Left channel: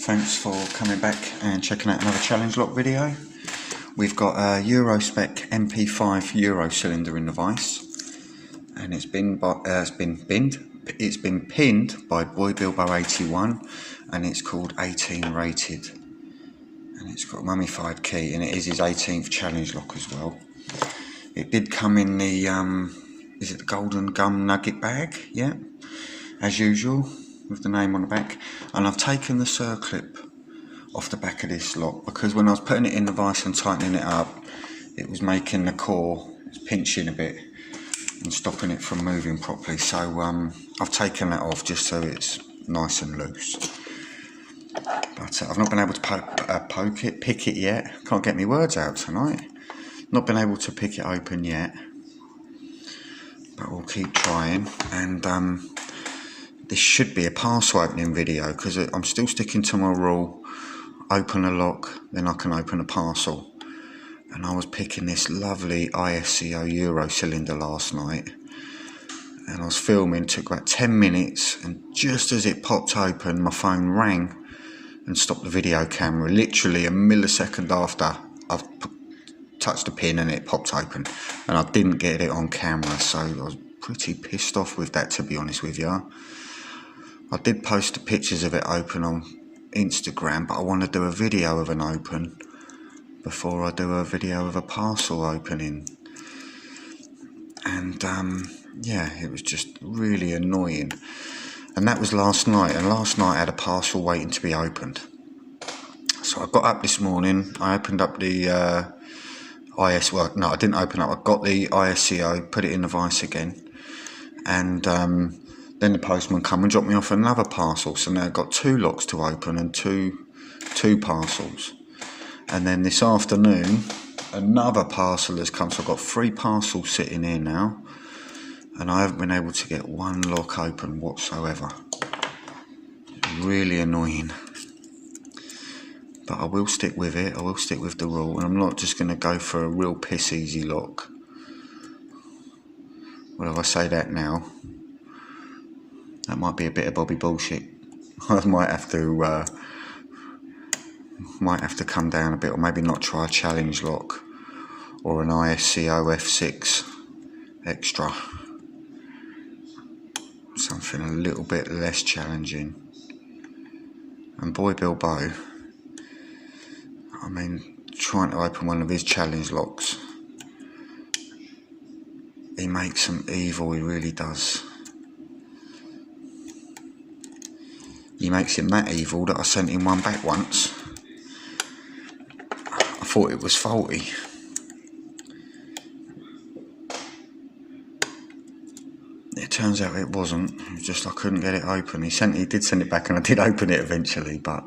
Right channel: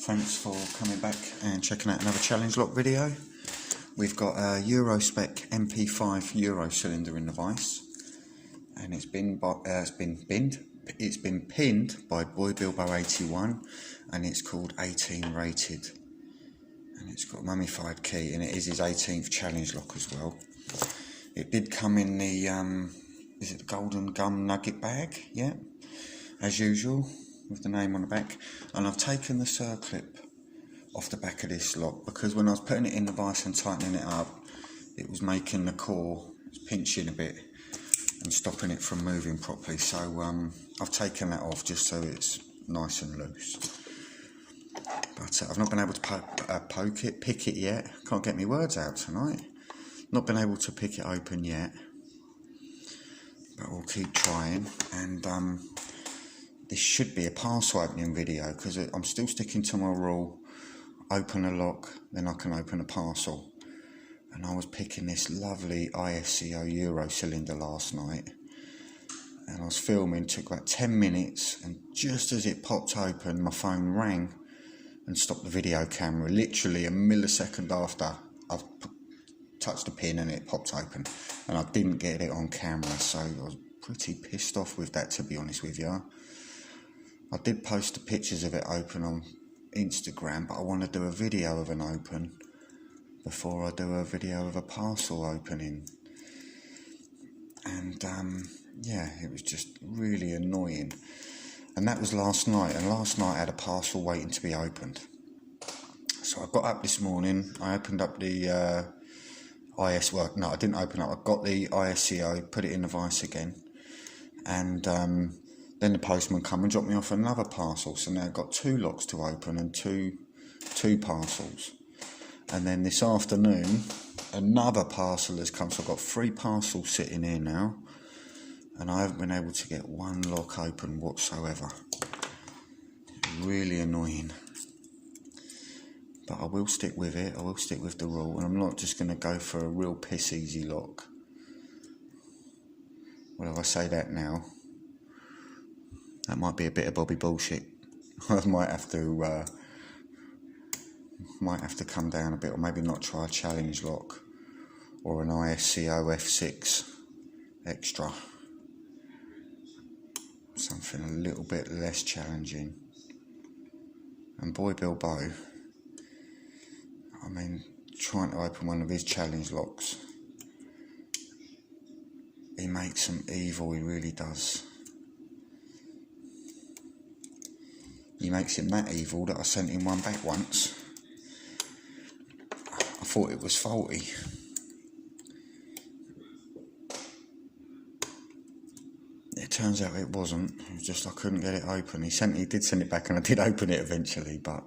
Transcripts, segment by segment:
Thanks for coming back and checking out another challenge lock video. We've got a Eurospec MP5 Euro cylinder in the vise, and it's been pinned by Boybilbo81, and it's called 18 rated, and it's got a mummified key, and it is his 18th challenge lock as well. It did come in the is it the golden gum nugget bag? Yeah, as usual, with the name on the back. And I've taken the circlip off the back of this lock because when I was putting it in the vise and tightening it up, it was making the core pinching a bit and stopping it from moving properly. So I've taken that off just so it's nice and loose. But I've not been able to pick it yet. Can't get my words out tonight. Not been able to pick it open yet, but we'll keep trying. And this should be a parcel opening video because I'm still sticking to my rule: open a lock, then I can open a parcel. And I was picking this lovely ISCO Euro cylinder last night, and I was filming. Took about 10 minutes, and just as it popped open, my phone rang and stopped the video camera. Literally a millisecond after I've touched the pin and it popped open, and I didn't get it on camera, so I was pretty pissed off with that, to be honest with you. I did post the pictures of it open on Instagram, but I want to do a video of an open before I do a video of a parcel opening. And yeah, it was just really annoying. And that was last night, and last night I had a parcel waiting to be opened. So I got up this morning, I opened up the well, no, I didn't open up, I got the ISCO, put it in the vise again, and then the postman come and dropped me off another parcel. So now I've got 2 locks to open and two parcels. And then this afternoon, another parcel has come, so I've got 3 parcels sitting here now, and I haven't been able to get 1 lock open whatsoever. Really annoying. But I will stick with it, I will stick with the rule, and I'm not just going to go for a real piss easy lock. Well, if I say that now, that might be a bit of Bobby bullshit. I might have to come down a bit, or maybe not try a challenge lock or an ISCO F6 extra. Something a little bit less challenging. And Boybilbo, I mean, trying to open one of his challenge locks, he makes them evil, he really does. He makes him that evil that I sent him one back once. I thought it was faulty. It turns out it wasn't. It was just I couldn't get it open. He did send it back, and I did open it eventually, but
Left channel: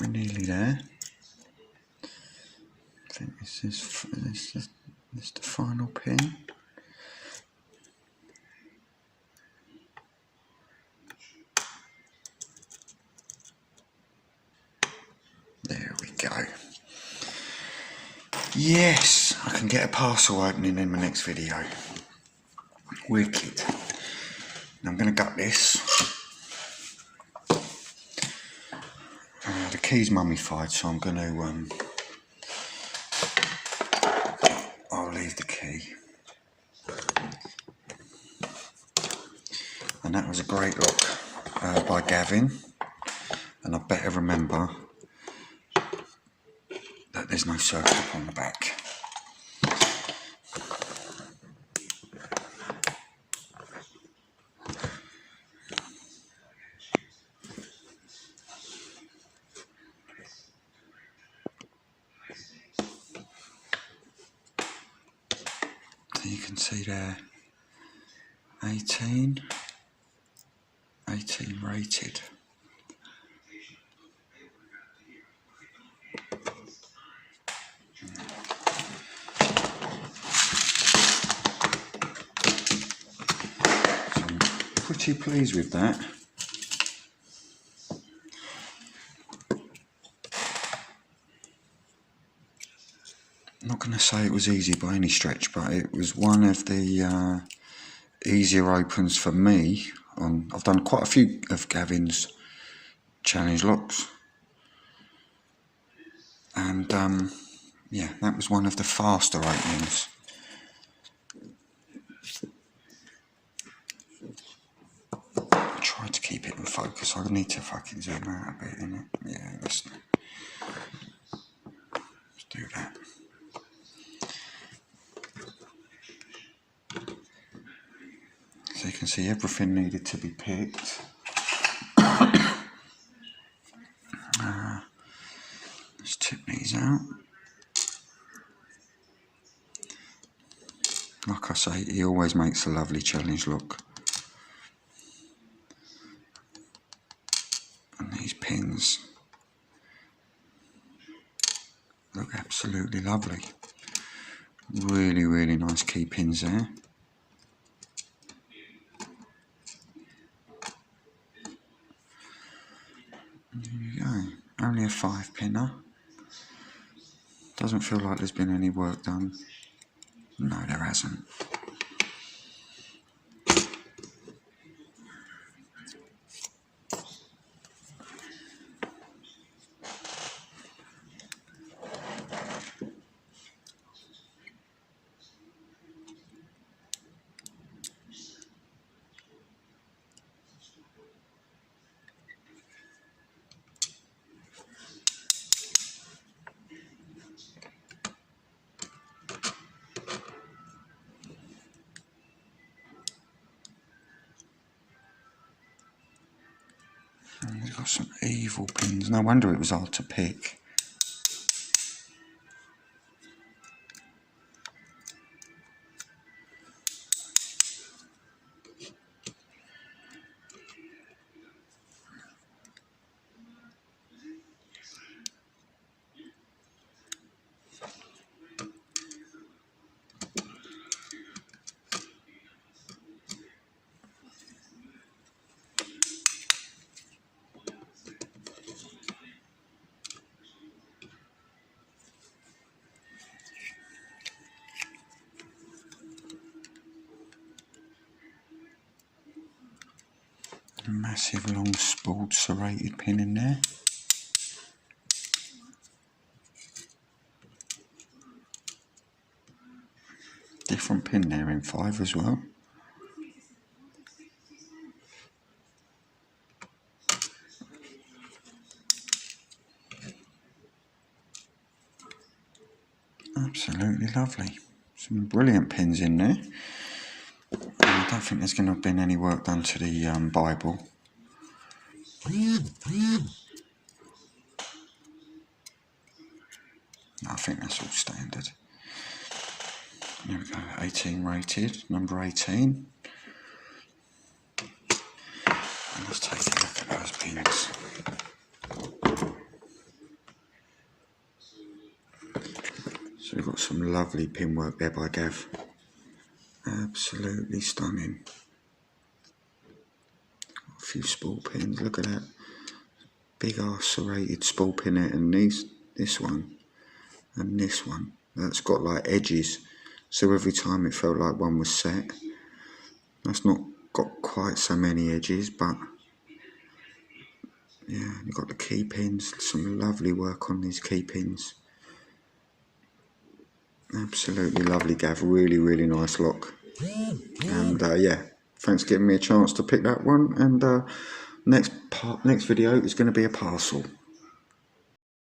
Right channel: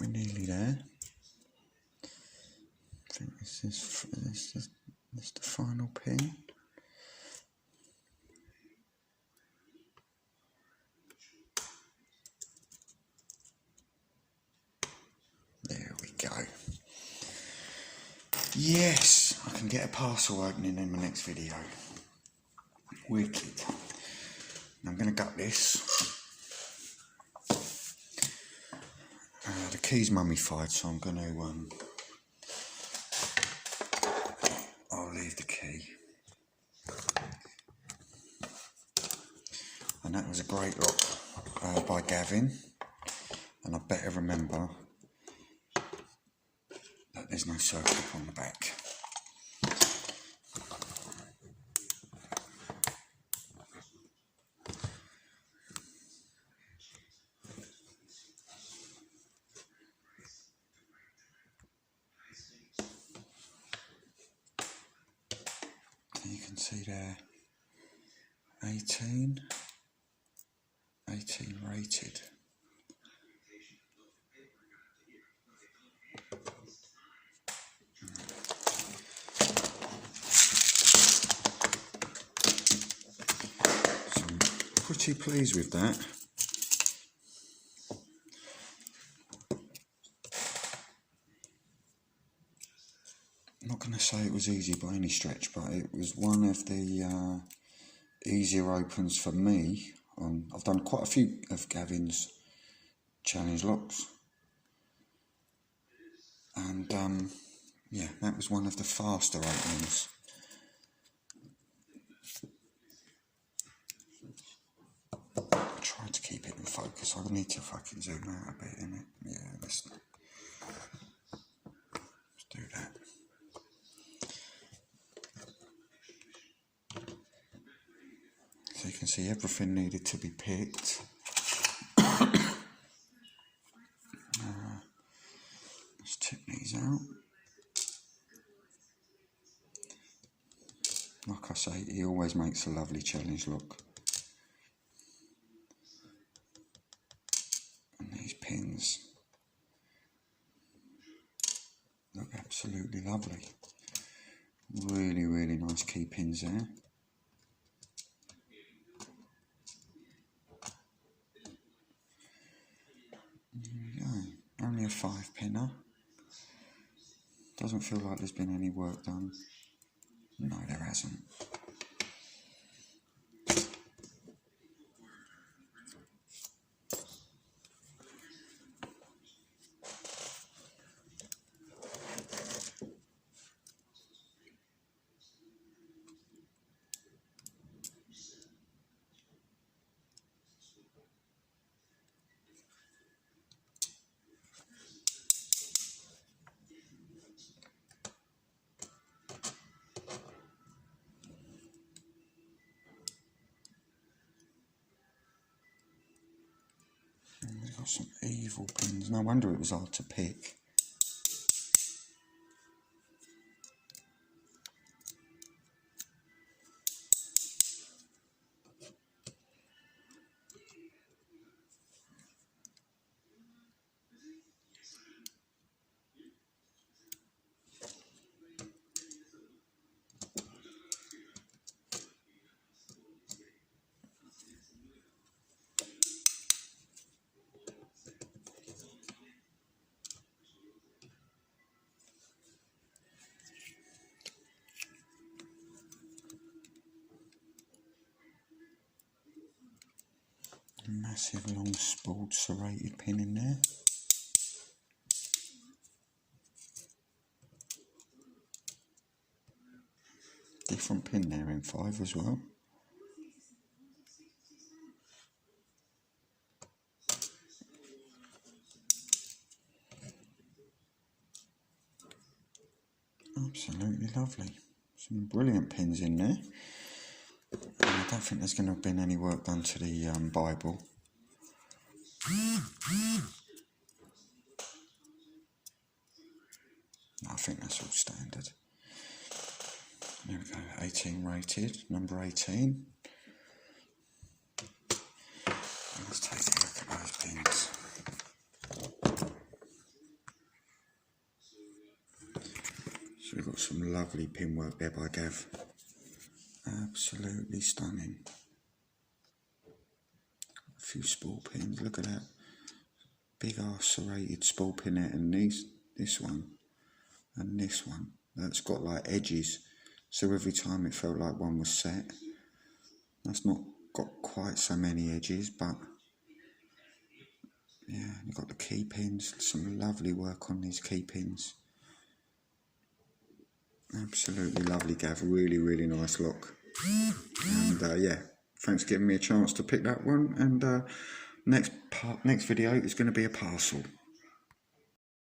We're nearly there. I think this is the final pin. There we go. Yes, I can get a parcel opening in my next video. Wicked. Now I'm going to gut this. The key's mummified, so I'm going to I'll leave the key. And that was a great look by Gavin. And I better remember that there's no circuit on the back. So you can see there, 18 rated. So I'm pretty pleased with that. I'm not going to say it was easy by any stretch, but it was one of the easier opens for me. I've done quite a few of Gavin's challenge locks, and yeah, that was one of the faster openings. I tried to keep it in focus. I need to fucking zoom out a bit, innit? Yeah, let's do that. So you can see everything needed to be picked. Let's tip these out. Like I say, he always makes a lovely challenge look. And these pins look absolutely lovely. Really, really nice key pins there. There you go. Only a 5-pinner. Doesn't feel like there's been any work done. No, there hasn't. And we've got some evil pins. No wonder it was hard to pick. massive long spooled serrated pin in there. Different pin there in 5 as well. Absolutely lovely. Some brilliant pins in there. I don't think there's going to have been any work done to the Bible. I think that's all standard. There we go, 18 rated, number 18. And let's take a look at those pins. So we've got some lovely pin work there by Gav. Absolutely stunning. Got a few spool pins, look at that. Big ass serrated spool pin there, and this one and this one. That's got like edges. So every time it felt like one was set. That's not got quite so many edges, but yeah, you've got the key pins, some lovely work on these key pins. Absolutely lovely, Gav, really, really nice lock. And yeah, thanks for giving me a chance to pick that one, and next video is going to be a parcel.